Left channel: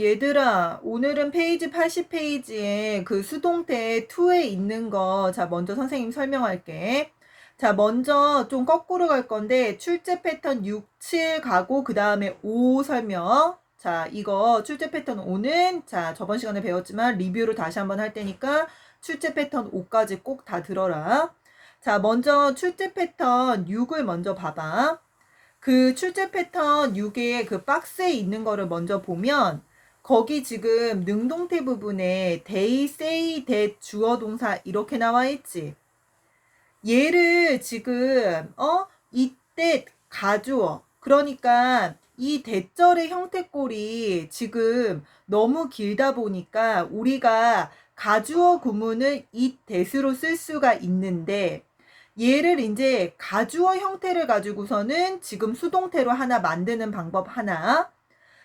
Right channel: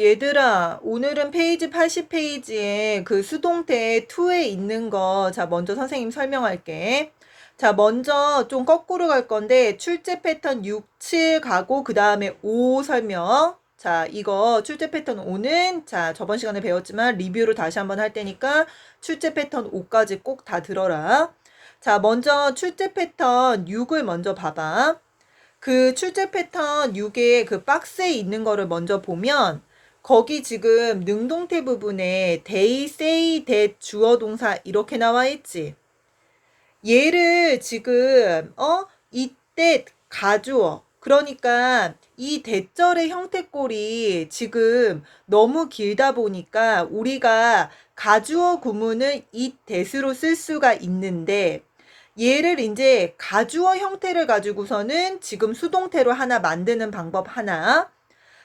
얘들아, 오늘은 페이지 80페이지에 그 수동태 2에 있는 거, 자, 먼저 선생님 설명할게. 자, 먼저 좀 거꾸로 갈 건데, 출제 패턴 6, 7 가고, 그 다음에 5 설명. 자, 이거 출제 패턴 5는, 자, 저번 시간에 배웠지만 리뷰를 다시 한번 할 테니까, 출제 패턴 5까지 꼭 다 들어라. 자, 먼저 출제 패턴 6을 먼저 봐봐. 그 출제 패턴 6의 그 박스에 있는 거를 먼저 보면 거기 지금 능동태 부분에 they, say, that, 주어 동사 이렇게 나와 있지. 얘를 지금 이때 가주어. 그러니까 이 대절의 형태꼴이 지금 너무 길다 보니까 우리가 가주어 구문을 it, that으로 쓸 수가 있는데 얘를 이제 가주어 형태를 가지고서는 지금 수동태로 하나 만드는 방법 하나.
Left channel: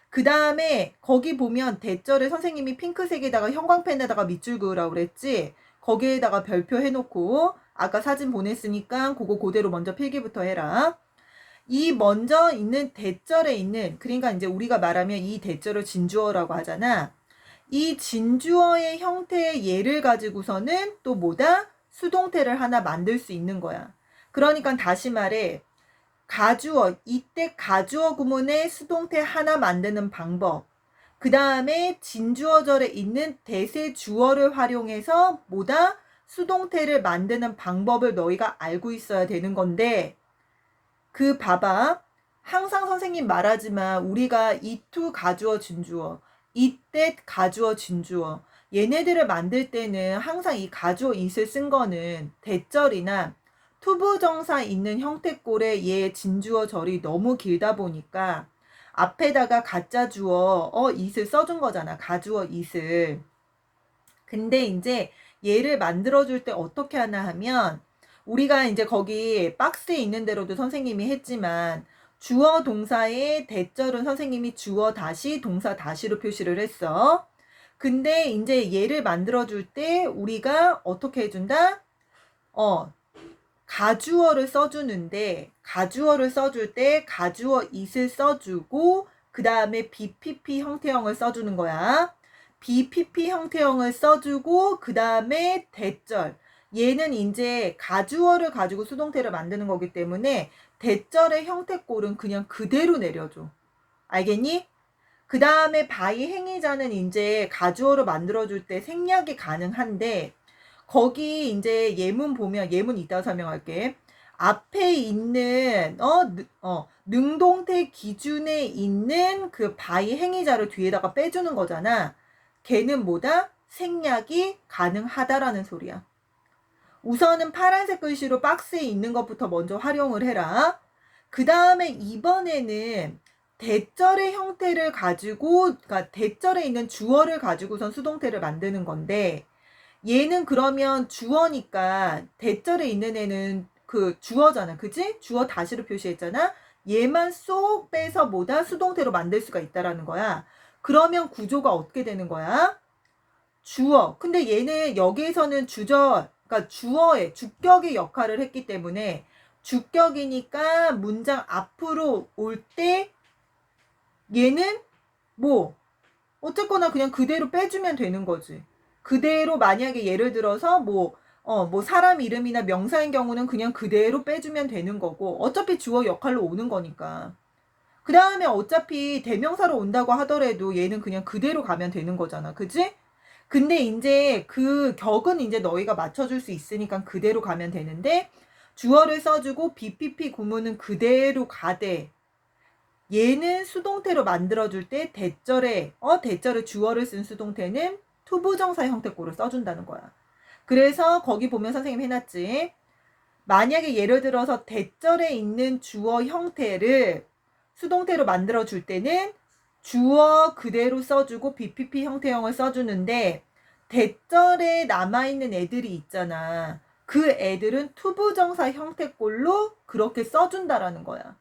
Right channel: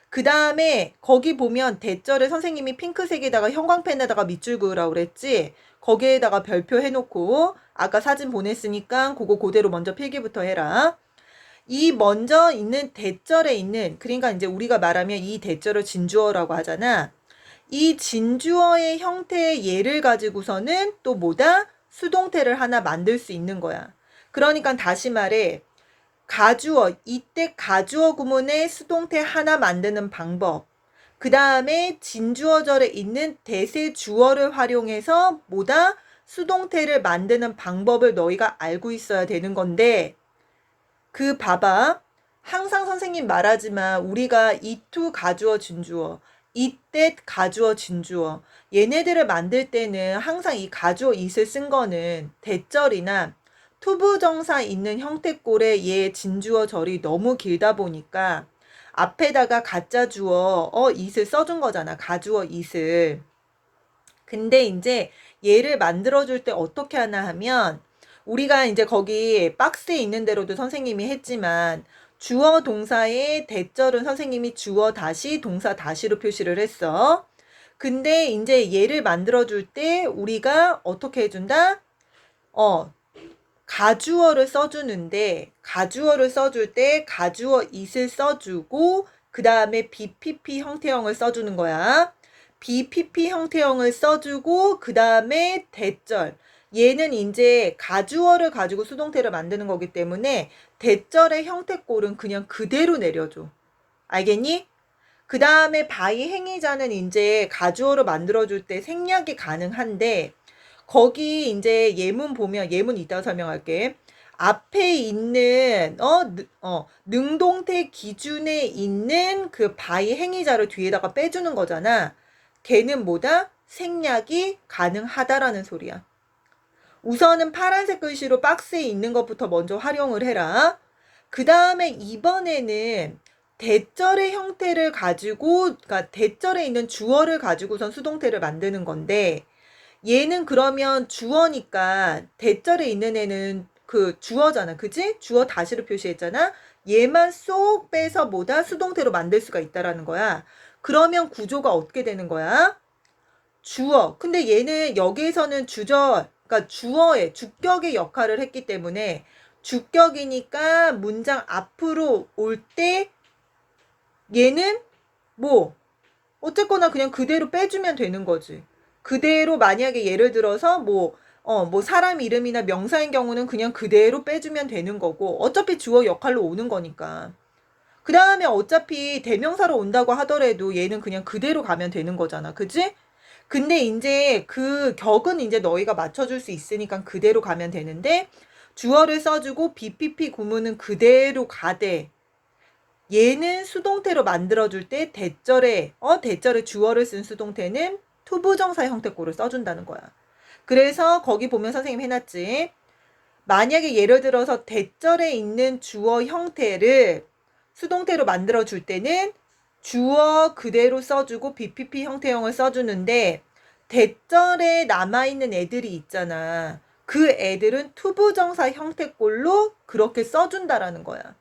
그 다음에 거기 보면 대절에 선생님이 핑크색에다가 형광펜에다가 밑줄 그으라고 그랬지. 거기에다가 별표 해놓고 아까 사진 보냈으니까 그거 그대로 먼저 필기부터 해라. 이 먼저 있는 대절에 있는, 그러니까 이제 우리가 말하면 이 대절을 진주어라고 하잖아. 이 진주어의 형태의 예를 가지고서는 또 뭐다? 수동태를 하나 만들 수 있는 거야. 그러니까 다시 말해, 가주어, 이때 가주어 구문의 수동태 하나 만드는 방법. 그 다음에 진주어절에 있는 대세 주어를 활용해서 뭐다? 수동태를 만드는 방법을 너희가 알고 있어야 되는 건데, 그 봐봐. 항상 선생님 말하지만 우리가 이투 가주어 진주어, 이때 가주어 진주어, 얘네들을 만들 때는 항상 이 가주어 it을 쓴 거는 대절이나 투부정사 있는 형태꼴의 얘 진주어 절이 너무 길다 보니까 앞에다가 가짜 주어 it을 써준 거잖아. 가주어 it을. 근데 이제 얘를 만들어줄 때 어떻게 하나 하면 우리가 이제 거기 박스에 있는 대로도 선생님이 했지만 주어 동사의 대절은 선생님이 주어 다시 동사 다시로 표시를 했어. 근데 이제 얘를 만들어줄 때 우리가 어떻게 해준다? 가주어를 써주는데 가주어를 써줄 때 가주어 it을 써주고 그 다음에 BPP 형태형을 써주는 거야. BPP 형태형을 써주고 그 다음에 대절. 얘는 이제 가주어를 가지고 수동태를 만드는 거기 때문에 대절의 형태꼴은 그냥 그대로 내려줘. 알겠니? 그 다음에 바이 행위자는 이제 가주어를 만들어줄 때 생략이 가능한데 거기 이제 예문 보면 예문 이따 설명할게. 앞에 있는 능동태 기준에 있는 그 바이 행위자를 뒤에다가 빼주는 거잖아. 걔는 뭐다? 생략이 가능하다라는 소리야. 우선은 파란색 글씨로 박스에 있는 것부터 먼저 활용을 해라. 그 다음에 이번에는 대절의 형태를 가지고, 그러니까 대절에 있는 주어를 가지고선 수동태를 만드는 건데, 얘는 그러면 주어니까 대절에 있는 애는 그 주어잖아. 그지? 주어 다시로 표시했잖아. 얘만 쏙 빼서 뭐다? 수동태로 만들 수가 있다라는 거야. 그러면 구조가 어떻게 되는 거야? 주어. 근데 얘는 여기에서는 그러니까 주어의, 주격의 역할을 했기 때문에 주격이니까 문장 앞으로 올 때 얘는 뭐 어쨌거나 그냥 그대로 빼주면 되는 거지. 그대로 만약에 예를 들어서 뭐 사람 이름이나 명사인 경우는 그냥 그대로 빼주면 되는 거고 어차피 주어 역할로 오는 거니까. 그 다음에 어차피 대명사로 온다고 하더라도 얘는 그냥 그대로 가면 되는 거잖아. 그지? 근데 이제 그 격은 이제 너희가 맞춰줄 수 있으니까 그대로 가면 되는데 주어를 써주고 BPP 구문은 그대로 가되 얘는 수동태로 만들어줄 때 대절에 주어를 쓴 수동태는 투부정사 형태꼴을 써준다는 거야. 그래서 거기 보면 선생님 해놨지. 만약에 예를 들어서 대절에 있는 주어 형태를 수동태로 만들어줄 때는 주어 그대로 써주고 BPP 형태형을 써주는데 대절에 남아있는 애들이 있잖아. 그 애들은 투부정사 형태꼴로 그렇게 써준다라는 거야.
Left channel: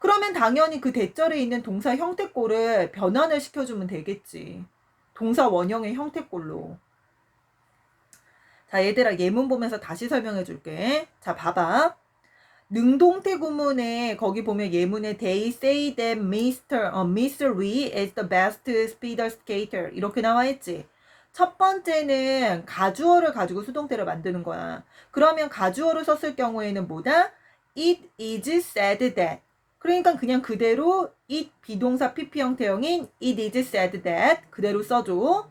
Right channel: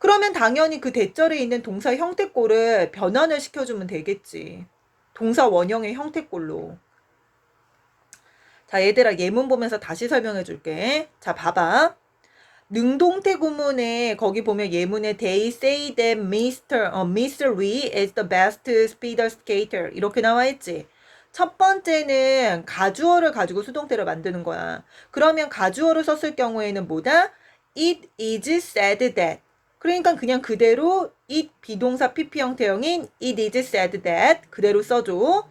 그러면 당연히 그 대절에 있는 동사 형태꼴을 변환을 시켜주면 되겠지. 동사 원형의 형태꼴로. 자, 얘들아 예문 보면서 다시 설명해 줄게. 자, 봐봐. 능동태 구문에 거기 보면 예문에 they say that Mr. Lee is the best speed skater 이렇게 나와 있지. 첫 번째는 가주어를 가지고 수동태를 만드는 거야. 그러면 가주어를 썼을 경우에는 뭐다? It is said that. 그러니까 그냥 그대로 it 비동사 PP 형태형인 it is said that 그대로 써줘.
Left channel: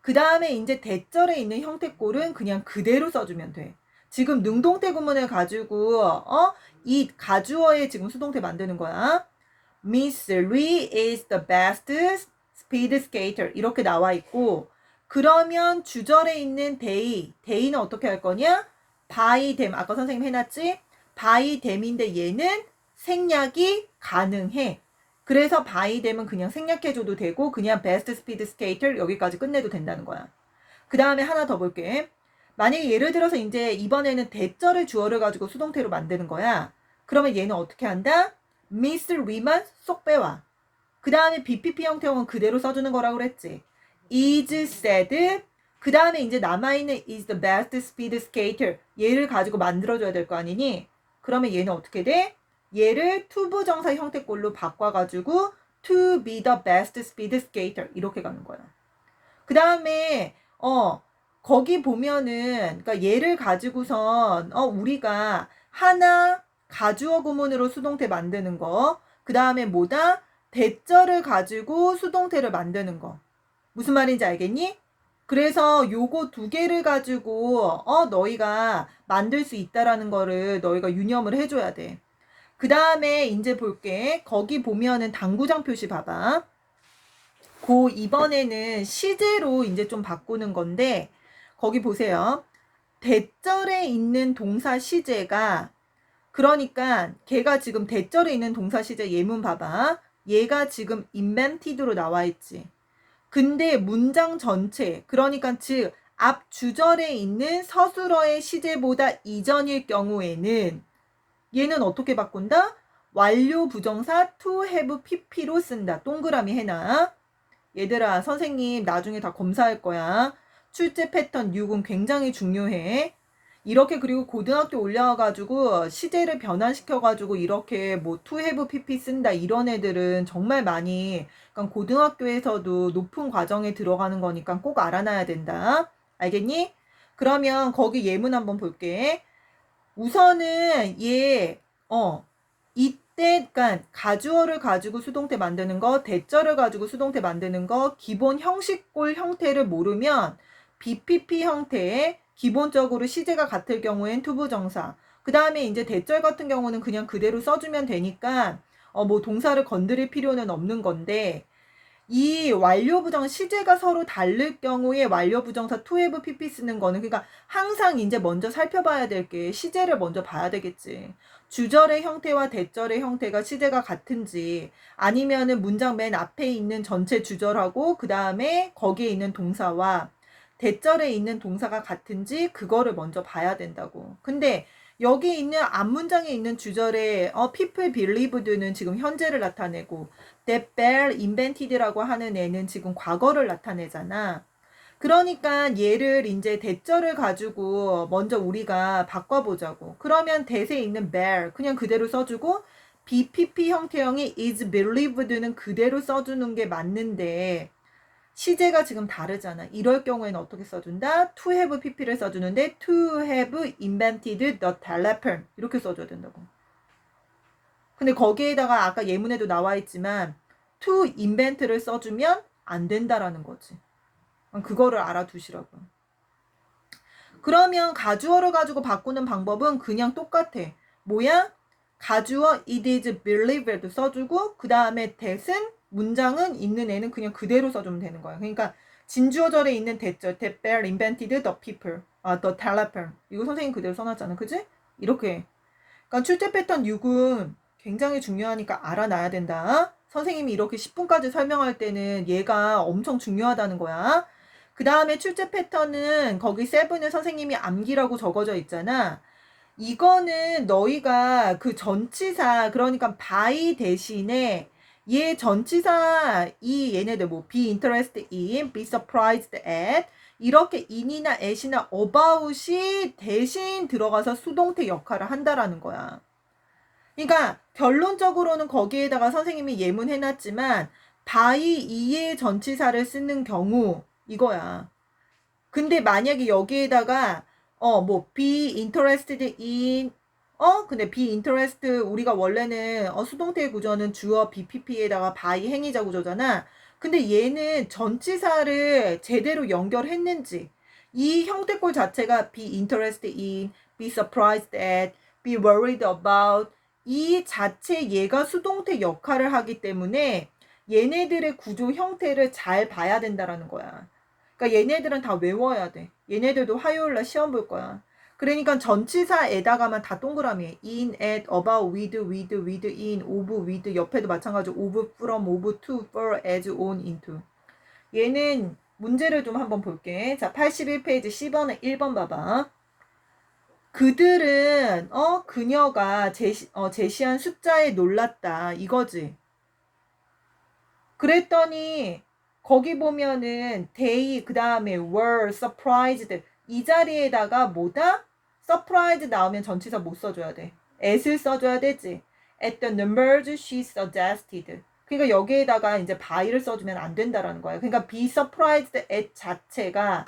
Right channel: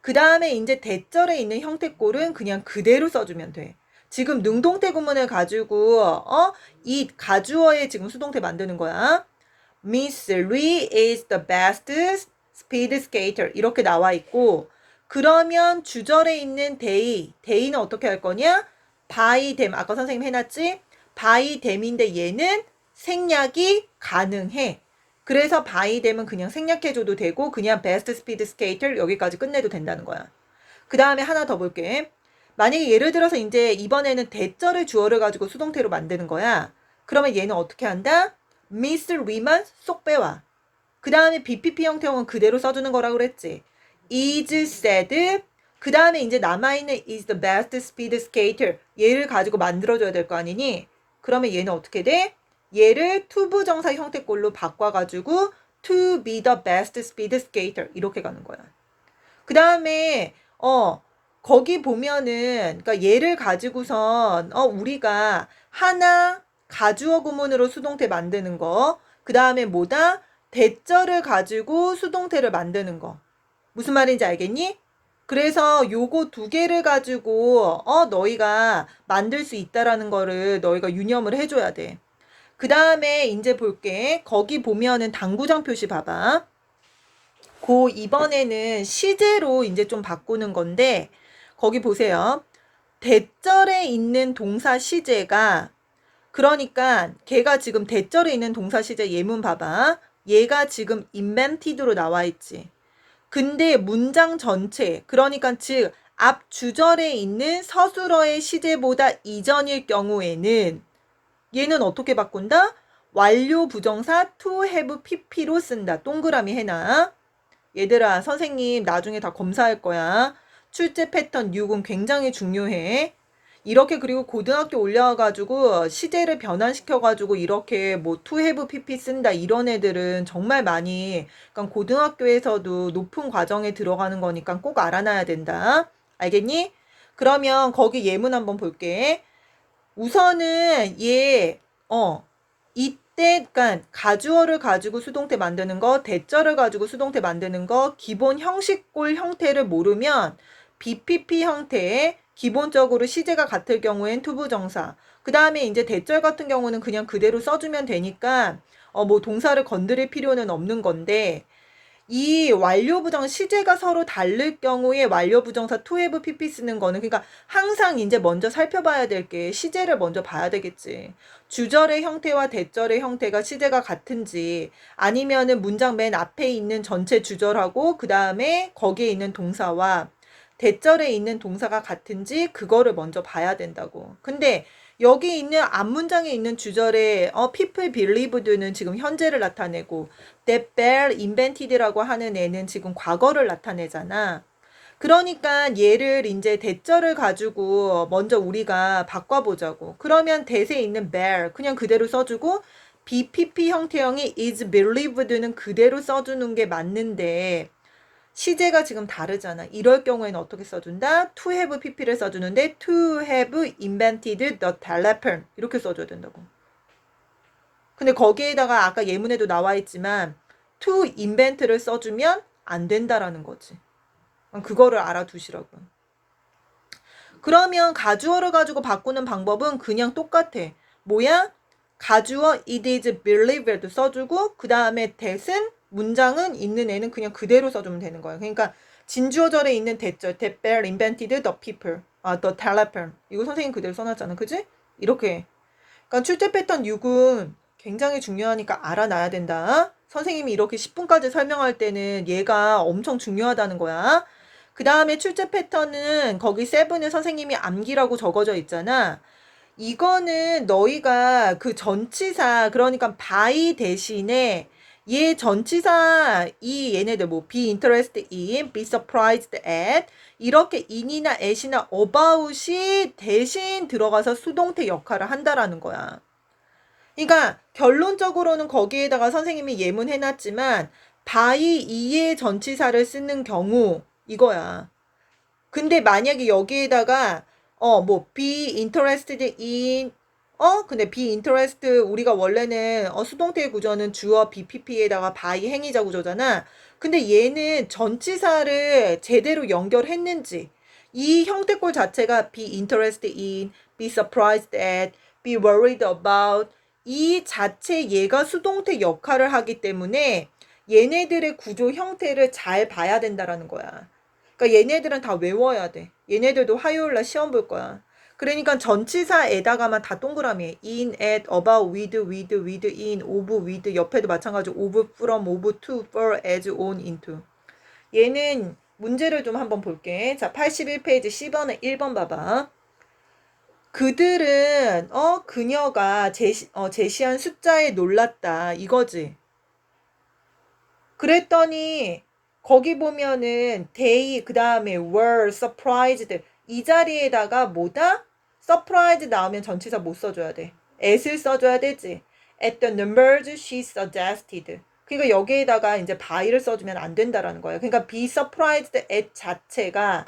그 다음에 이제 대절에 있는 형태꼴은 그냥 그대로 써주면 돼. 지금 능동태 구문을 가지고 이 가주어에 지금 수동태 만드는 거야. Miss Lee is the best speed skater 이렇게 나와 있고 그러면 주절에 있는 day는 어떻게 할 거냐? by them 아까 선생님 해놨지? by them인데 얘는 생략이 가능해. 그래서 by them은 그냥 생략해줘도 되고 그냥 best speed skater 여기까지 끝내도 된다는 거야. 그 다음에 하나 더 볼게. 만약에 예를 들어서 이제 이번에는 대절의 주어를 가지고 수동태로 만드는 거야. 그러면 얘는 어떻게 한다? Miss Lee만 쏙 빼와. 그 다음에 BPP 형태형은 그대로 써주는 거라고 그랬지. is said. 그 다음에 이제 남아있는 is the best speed skater. 얘를 가지고 만들어줘야 될 거 아니니? 그러면 얘는 어떻게 돼? 얘를 투부정사 형태꼴로 바꿔가지고 to be the best speed skater 이렇게 가는 거야. 그 다음에 거기 보면은 그러니까 얘를 가지고선 우리가 하나 가주어 구문으로 수동태 만드는 거. 그 다음에 뭐다? 대절을 가지고 수동태를 만드는 거. 무슨 말인지 알겠니? 그래서 요거 두 개를 가지고 너희가 만들 수 있다라는 거를 너희가 유념을 해줘야 돼. 그 다음에 이제 볼게. 거기 보면은 당구장 표시 봐봐. 이번에는 시제로 이제 좀 바꾸는 건데 거기 보세요. 대절에 있는 동사 시제가 그러니까 걔가 지금 대절에 있는 동사 시제 예문 봐봐. 얘가 지금 invented로 나와 있지. 근데 문장 전체 그러니까 즉 앞 주절에 있는 서술어의 시제보다 이전일 경우에는 얘는 어떻게 바꾼다? 완료 부정사 to have pp로 쓴다. 동그라미 해놔. 얘들아 선생님 나중에 다 검사할 거야. 출제 패턴 6은 굉장히 중요해. 이렇게 그리고 고등학교 올려가지고 시제를 변환시켜가지고 이렇게 뭐 to have pp 쓴다 이런 애들은 정말 많이 그러니까 고등학교에서도 높은 과정에 들어가는 거니까 꼭 알아놔야 된다. 알겠니? 그러면 거기 예문 한번 볼게. 우선은 이때 그러니까 가주어를 가지고 수동태 만드는 거, 대절을 가지고 수동태 만드는 거, 기본 형식꼴 형태를 모르면 BPP 형태에 기본적으로 시제가 같을 경우엔 투부정사. 그 다음에 이제 대절 같은 경우는 그냥 그대로 써주면 되니까 뭐 동사를 건드릴 필요는 없는 건데 이 완료부정 시제가 서로 다를 경우에 완료부정사 to have pp 쓰는 거는 그러니까 항상 이제 먼저 살펴봐야 될 게 시제를 먼저 봐야 되겠지. 주절의 형태와 대절의 형태가 시제가 같은지 아니면은 문장 맨 앞에 있는 전체 주절하고 그 다음에 거기에 있는 동사와 대절에 있는 동사가 같은지 그거를 먼저 봐야 된다고. 근데 여기 있는 앞문장에 있는 주절에 people believed는 지금 현재를 나타내고 that Bell invented라고 하는 애는 지금 과거를 나타내잖아. 그러니까 얘를 이제 대절을 가지고 먼저 우리가 바꿔보자고. 그러면 대세에 있는 Bell 그냥 그대로 써주고 BPP 형태형이 is believed는 그대로 써주는 게 맞는데 시제가 지금 다르잖아. 이럴 경우에는 어떻게 써준다? to have pp를 써주는데 to have invented the telephone 이렇게 써줘야 된다고. 근데 거기에다가 아까 예문에도 나와 있지만 to invent를 써주면 안 된다라는 거지. 그거를 알아두시라고. 그러면 가주어를 가지고 바꾸는 방법은 그냥 똑같아. 뭐야? 가주어 it is believed도 써주고 그 다음에 that은 문장은 있는 애는 그냥 그대로 써주면 되는 거야. 그러니까 진주어절에 있는 대절 that Bell invented the people, the telephone 이거 선생님 그대로 써놨잖아. 그지? 이렇게. 그러니까 출제 패턴 6은 굉장히 중요하니까 알아놔야 된다. 선생님이 이렇게 10분까지 설명할 때는 얘가 엄청 중요하다는 거야. 그 다음에 출제 패턴은 거기 7에 선생님이 암기라고 적어져 있잖아. 이거는 너희가 그 전치사 그러니까 by 대신에 얘 전치사 이 얘네들 뭐 be interested in, be surprised at 이렇게 in이나 at이나 about이 대신 들어가서 수동태 역할을 한다라는 거야. 그러니까 결론적으로는 거기에다가 선생님이 예문해놨지만 by 이의 전치사를 쓰는 경우 이거야. 근데 만약에 여기에다가 뭐 be interested in 근데 be interested 우리가 원래는 수동태의 구조는 주어 BPP에다가 by 행위자 구조잖아. 근데 얘는 전치사를 제대로 연결했는지 이 형태꼴 자체가 be interested in, be surprised at, be worried about 이 자체 얘가 수동태 역할을 하기 때문에 얘네들의 구조 형태를 잘 봐야 된다라는 거야. 그러니까 얘네들은 다 외워야 돼. 얘네들도 화요일 날 시험 볼 거야. 그러니까 전치사에다가만 다 동그라미. in, at, about, with, in, of, with 옆에도 마찬가지로 of, from, of, to, for, as, on, into. 얘는 문제를 좀 한번 볼게. 자, 81페이지 10번에 1번 봐봐. 그들은 그녀가 제시한 숫자에 놀랐다. 이거지. 그랬더니 거기 보면은 they 그다음에 were surprised 이 자리에다가 뭐다? surprised 나오면 전치사 못 써줘야 돼. at을 써줘야 되지. at the numbers she suggested. 그러니까 여기에다가 이제 by를 써주면 안 된다라는 거야. 그러니까 be surprised at 자체가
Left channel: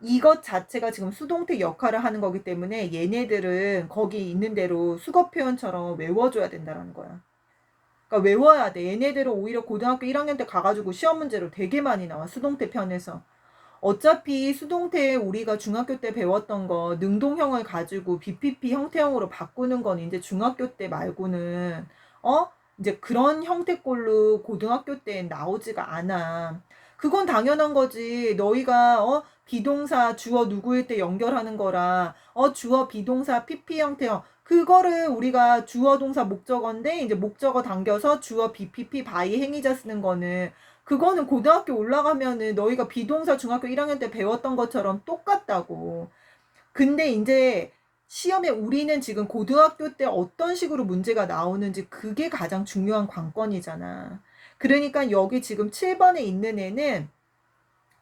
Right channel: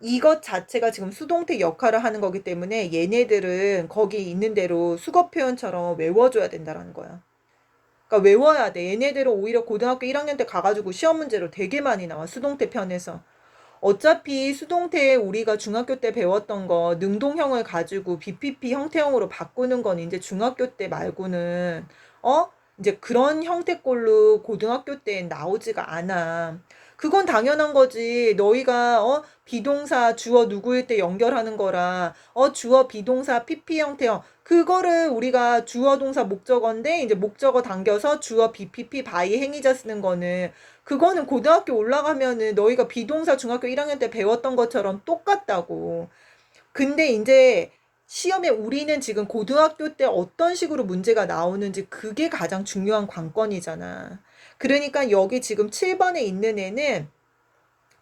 이것 자체가 지금 수동태 역할을 하는 거기 때문에 얘네들은 거기 있는 대로 수거 표현처럼 외워줘야 된다라는 거야. 그러니까 외워야 돼. 얘네들은 오히려 고등학교 1학년 때 가가지고 시험 문제로 되게 많이 나와. 수동태 편에서. 어차피 수동태 우리가 중학교 때 배웠던 거 능동형을 가지고 BPP 형태형으로 바꾸는 건 이제 중학교 때 말고는 이제 그런 형태꼴로 고등학교 때 나오지가 않아. 그건 당연한 거지. 너희가 비동사 주어 누구일 때 연결하는 거라 주어 비동사 PP 형태형 그거를 우리가 주어 동사 목적어인데 이제 목적어 당겨서 주어 BPP by 행위자 쓰는 거는 그거는 고등학교 올라가면은 너희가 비동사 중학교 1학년 때 배웠던 것처럼 똑같다고. 근데 이제 시험에 우리는 지금 고등학교 때 어떤 식으로 문제가 나오는지 그게 가장 중요한 관건이잖아. 그러니까 여기 지금 7번에 있는 애는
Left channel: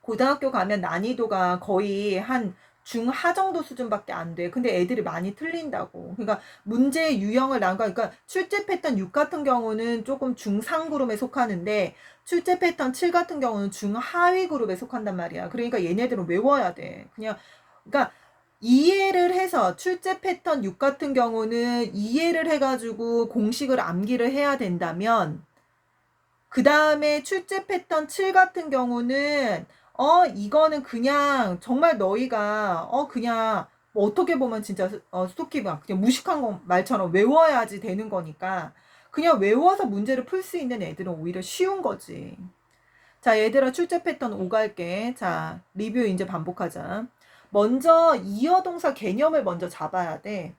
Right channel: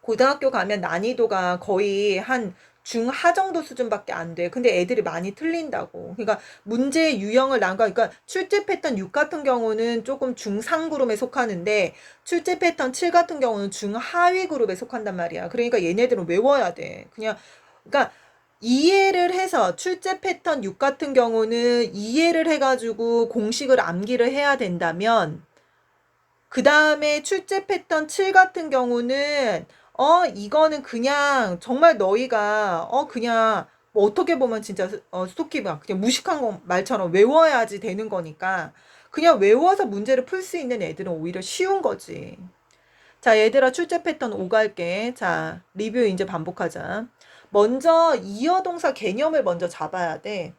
고등학교 가면 난이도가 거의 한 중하 정도 수준밖에 안 돼. 근데 애들이 많이 틀린다고. 그러니까 문제 유형을 그러니까 출제 패턴 6 같은 경우는 조금 중상 그룹에 속하는데 출제 패턴 7 같은 경우는 중하위 그룹에 속한단 말이야. 그러니까 얘네들은 외워야 돼. 그러니까 이해를 해서 출제 패턴 6 같은 경우는 이해를 해가지고 공식을 암기를 해야 된다면 그 다음에 출제 패턴 7 같은 경우는 이거는 그냥 정말 너희가 그냥 뭐 어떻게 보면 진짜 스토키가 그냥 무식한 거 말처럼 외워야지 되는 거니까 그냥 외워서 문제를 풀 수 있는 애들은 오히려 쉬운 거지. 자, 얘들아 출제 패턴 5 갈게. 자, 리뷰 이제 반복하자. 먼저 이어동사 개념을 먼저 잡아야 돼.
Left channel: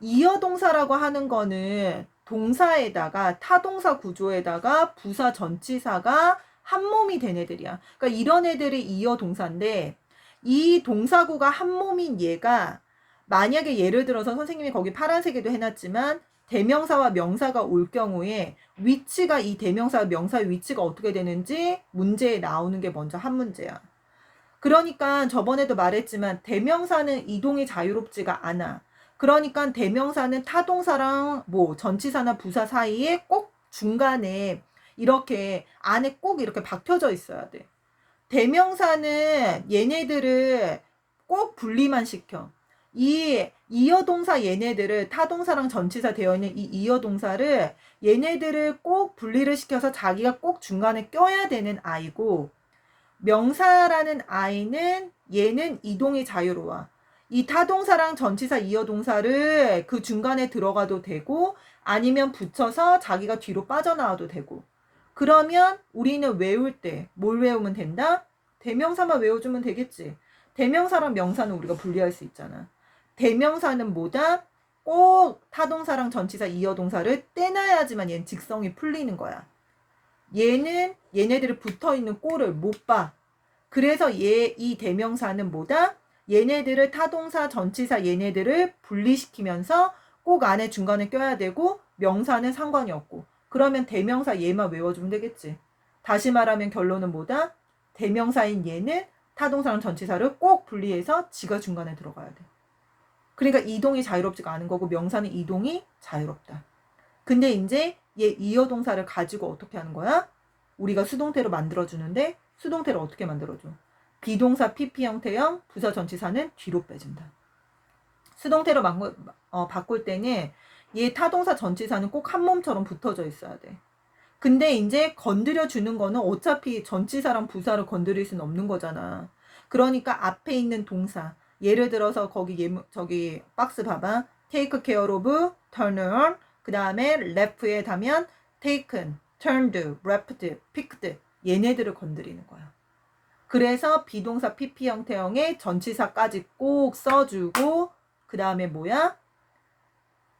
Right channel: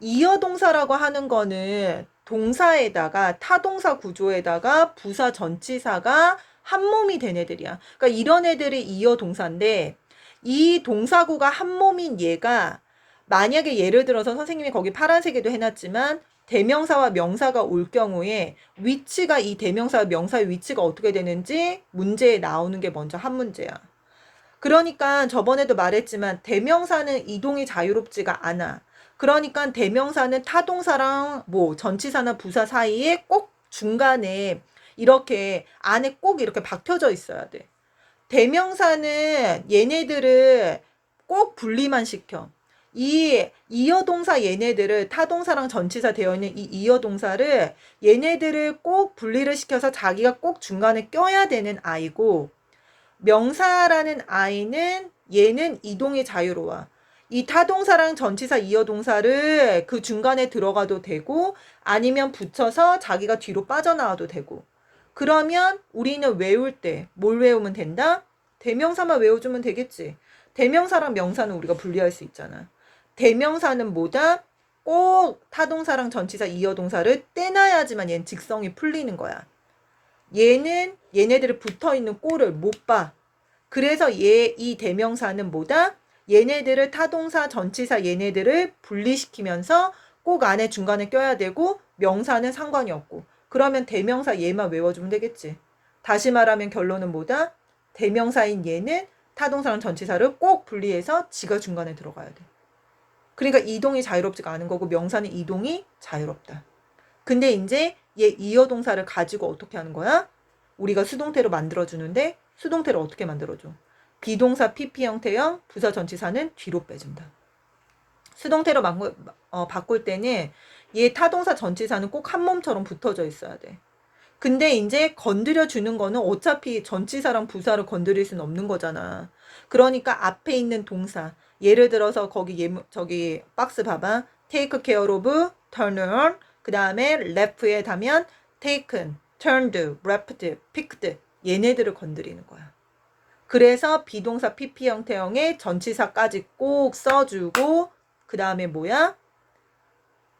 이어동사라고 하는 거는 동사에다가 타동사 구조에다가 부사 전치사가 한 몸이 된 애들이야. 그러니까 이런 애들이 이어동사인데 이 동사구가 한 몸인 얘가 만약에 예를 들어서 선생님이 거기 파란색에도 해놨지만 대명사와 명사가 올 경우에 위치가 이 대명사와 명사의 위치가 어떻게 되는지 문제에 나오는 게 먼저 한 문제야. 그러니까 저번에도 말했지만 대명사는 이동이 자유롭지가 않아. 그러니까 대명사는 타동사랑 뭐 전치사나 부사 사이에 꼭 중간에 이렇게 안에 꼭 이렇게 박혀져 있어야 돼. 대명사는 얘네들을 꼭 분리만 시켜. 이 이어동사 얘네들을 타동사랑 전치사 되어 있는 이 이어동사를 얘네들을 꼭 분리를 시켜서 자기가 꼭 중간에 껴야 되는 아이고 명사라는 아이는 얘는 이동이 자유로워. 이 타동사랑 전치사 이어동사를 그 중간에 들어가도 되고 아니면 붙여서 자기가 뒤로 빠져나와도 되고 그러면 우리는 외울 때 뭘 외우면 된다? 대명사만 외워주면 되겠지. 대명사랑 명사는 우리가 분리할 수 있잖아. 대명사는 뭐다? 꼭 타동사랑 전치사 이어동사를 떼놔야지만 얘는 직성이 풀리는 거야. 얘는 얘네들이 붙어있는 꼴을 못 봐. 그래서 이 대명사는 뭐다? 얘네들을 타동사, 전치사 얘네들을 분리시키면서 꼭 안에 중간에 껴야 되고 명사는 상관이 없고 그러면 대명사 얘만 외워주면 되겠지. 다시 말하면 결론은 뭐다? 대명사인 얘는 타동사랑 전치사를 꼭 분리해서 지가 중간에 들어가야 돼. 그러니까 이동이 자유롭지가 않은 거고 명사는 이동이 자유롭다. 근데 이제 얘 이어 동사를 가지고 어떻게 하는 거야? 우리가 수동태로 만들어주는데 수동태를 어떻게 만들어줘? 비동사 PP 형태형 부사 전치사는 뒤로 빼준다. 수동태로 바꿀 때는 얘 타동사 전치사는 꼭 한 몸처럼 붙어져 있어야 돼. 근데 이제 건드려 주는 거는 어차피 전치사랑 부사를 건드릴 수는 없는 거잖아. 그러니까 앞에 있는 동사. 예를 들어서 거기 저기 박스 봐봐. take care of, turn on. 그 다음에 left에 가면 taken, turned, wrapped, picked. 얘네들을 건드리는 거야. 그래서 비동사 PP 형태형의 전치사까지 꼭 써주고 그 다음에 뭐야?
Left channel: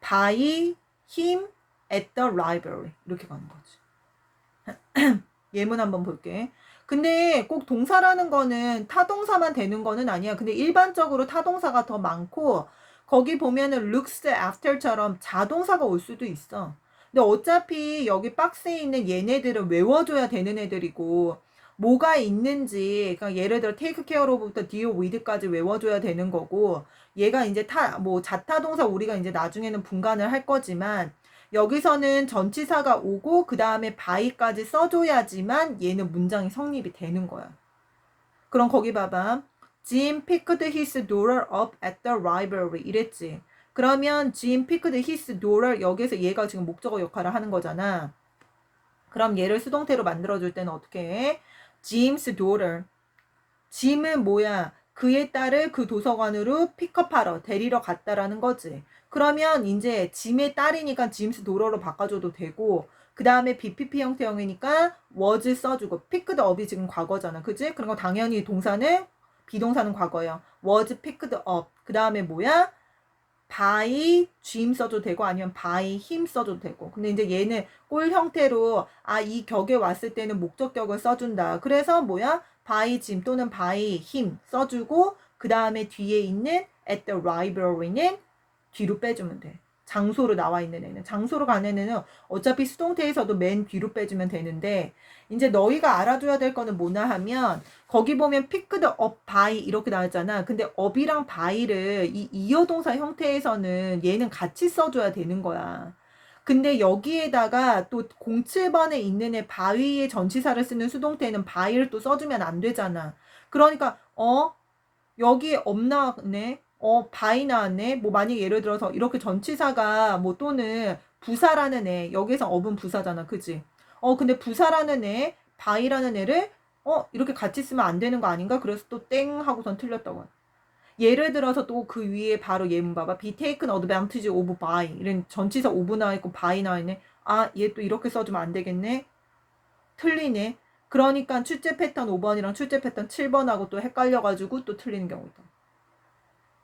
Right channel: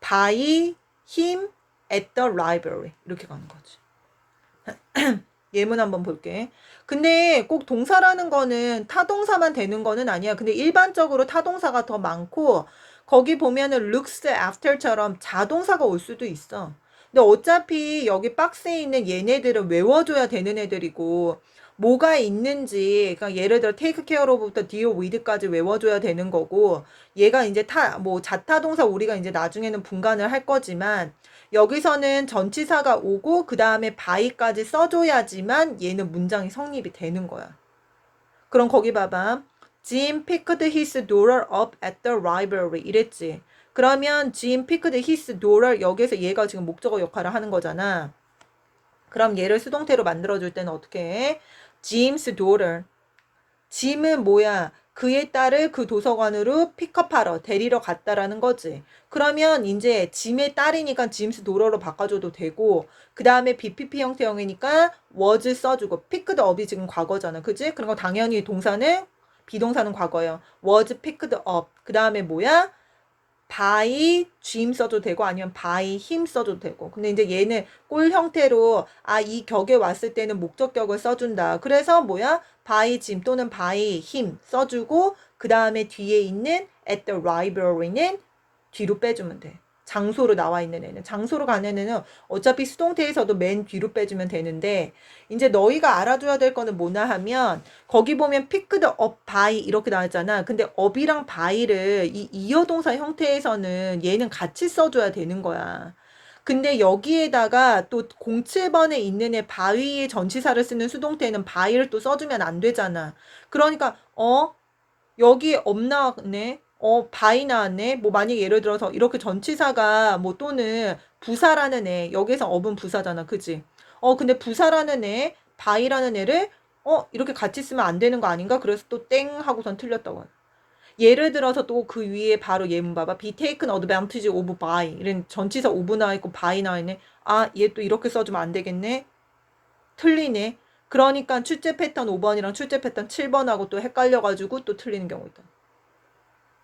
by him at the library. 이렇게 가는 거지. 예문 한번 볼게. 근데 꼭 동사라는 거는 타동사만 되는 거는 아니야. 근데 일반적으로 타동사가 더 많고 거기 보면은 looks after처럼 자동사가 올 수도 있어. 근데 어차피 여기 박스에 있는 얘네들은 외워줘야 되는 애들이고 뭐가 있는지 그러니까 예를 들어 take care of부터 deal with까지 외워줘야 되는 거고 얘가 이제 뭐 자타동사 우리가 이제 나중에는 분간을 할 거지만 여기서는 전치사가 오고 그 다음에 by까지 써줘야지만 얘는 문장이 성립이 되는 거야. 그럼 거기 봐봐. Jim picked his daughter up at the library 이랬지. 그러면 Jim picked his daughter 여기서 얘가 지금 목적어 역할을 하는 거잖아. 그럼 얘를 수동태로 만들어줄 때는 어떻게 해? Jim's daughter. 짐은 뭐야? 그의 딸을 그 도서관으로 픽업하러 데리러 갔다라는 거지. 그러면 이제 짐의 딸이니까 짐스 도러로 바꿔줘도 되고 그 다음에 BPP 형태형이니까 was 써주고 picked up이 지금 과거잖아. 그지? 그리고 당연히 동사는 비동사는 과거예요. was picked up. 그 다음에 뭐야? by Jim 써도 되고 아니면 by him 써도 되고. 근데 이제 얘는 꼴 형태로 이 격에 왔을 때는 목적격을 써준다. 그래서 뭐야? by Jim 또는 by him 써주고 그 다음에 뒤에 있는 at the library는 뒤로 빼주면 돼. 장소로 나와 있는 애는. 장소로 가는 애는 어차피 수동태에서도 맨 뒤로 빼주면 되는데 이제 너희가 알아줘야 될 거는 뭐냐 하면 거기 보면 picked up by 이렇게 나왔잖아. 근데 up이랑 by를 이 이어동사 형태에서는 얘는 같이 써줘야 되는 거야. 근데 여기에다가 또 07번에 있는 애 by의 전치사를 쓰는 수동태는 by를 또 써주면 안 되잖아. 그러니까 여기 up 나왔네. by 나왔네. 뭐 만약에 예를 들어서 이렇게 전치사가 뭐 또는 부사라는 애 여기서 up은 부사잖아. 그지? 근데 부사라는 애 by라는 애를 이렇게 같이 쓰면 안 되는 거 아닌가? 그래서 또 땡 하고선 틀렸다고. 예를 들어서 또 그 위에 바로 예문 봐봐. be taken advantage of by. 이런 전치사 of 나와 있고 by 나와 있네. 얘 또 이렇게 써주면 안 되겠네. 틀리네. 그러니까 출제 패턴 5번이랑 출제 패턴 7번하고 또 헷갈려가지고 또 틀리는 경우 있다.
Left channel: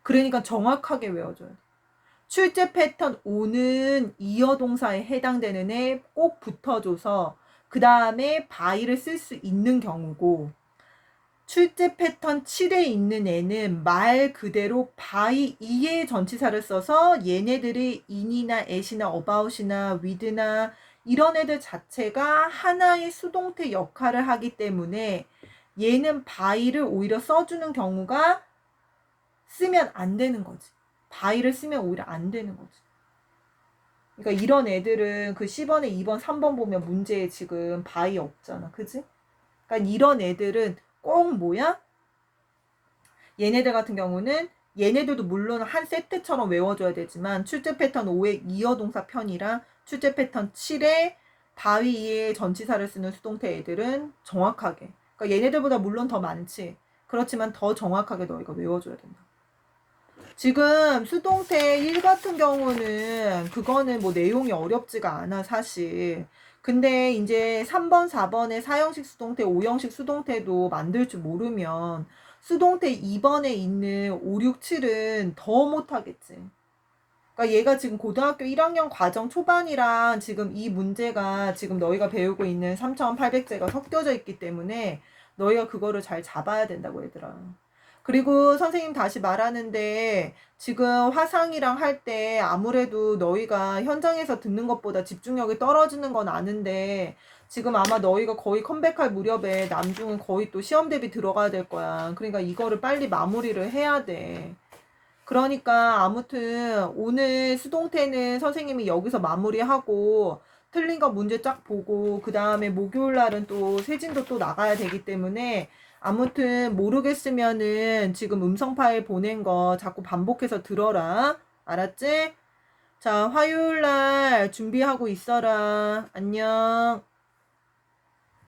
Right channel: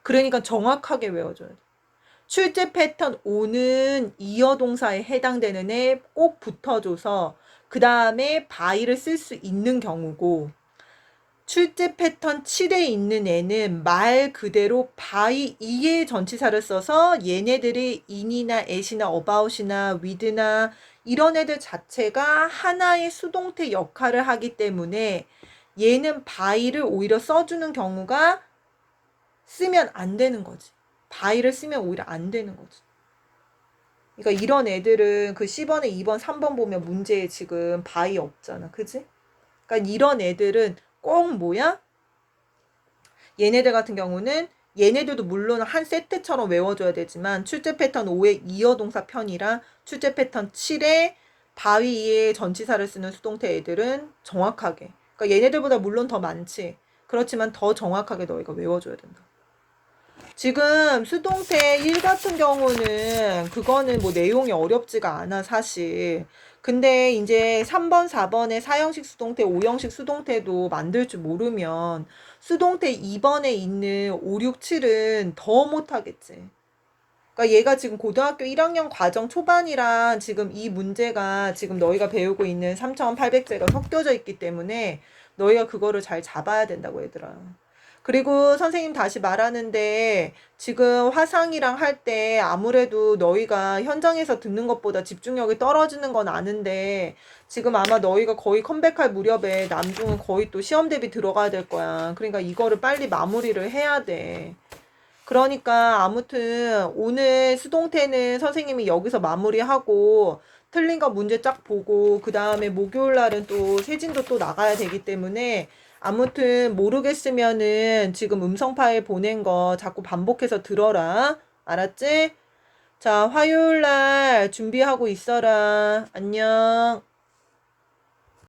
그러니까 정확하게 외워줘야 돼. 출제 패턴 5는 이어 동사에 해당되는 애 꼭 붙어줘서 그 다음에 by를 쓸 수 있는 경우고 출제 패턴 7에 있는 애는 말 그대로 by 2의 전치사를 써서 얘네들이 in이나 at이나 about이나 with나 이런 애들 자체가 하나의 수동태 역할을 하기 때문에 얘는 by를 오히려 써주는 경우가 쓰면 안 되는 거지. by를 쓰면 오히려 안 되는 거지. 그러니까 이런 애들은 그 10번에 2번, 3번 보면 문제에 지금 by 없잖아. 그지? 그러니까 이런 애들은 꼭 뭐야? 얘네들 같은 경우는 얘네들도 물론 한 세트처럼 외워줘야 되지만 출제 패턴 5의 이어동사 편이랑 출제 패턴 7의 바위의 전치사를 쓰는 수동태 애들은 정확하게 그러니까 얘네들보다 물론 더 많지. 그렇지만 더 정확하게 너희가 외워줘야 된다. 지금 수동태 1 같은 경우는 그거는 뭐 내용이 어렵지가 않아 사실. 근데 이제 3번, 4번에 4형식 수동태, 5형식 수동태도 만들 줄 모르면 수동태 2번에 있는 5, 6, 7은 더 못하겠지. 그러니까 얘가 지금 고등학교 1학년 과정 초반이랑 지금 이 문제가 지금 너희가 배우고 있는 3,800제가 섞여져 있기 때문에 너희가 그거를 잘 잡아야 된다고 얘들아. 그리고 선생님 다시 말하는데 지금 화상이랑 할 때 아무래도 너희가 현장에서 듣는 것보다 집중력이 떨어지는 건 아는데 지금 아마 너희가 거의 컴백할 무렵에 남중은 거의 또 시험 대비 들어가야 될 거야. 그러니까 이거를 빨리 마무리를 해야 돼. 그러니까 아무튼 오늘 수동태는 선생님이 여기서 마무리하고 틀린 거 문제 쫙 보고 그 다음에 목요일 날은 또 세진도 또 나가야 되기 때문에 아무튼 모르겠으면은 지금 음성 파일 보낸 거 자꾸 반복해서 들어라. 알았지? 자, 화요일 날 준비하고 있어라. 안녕.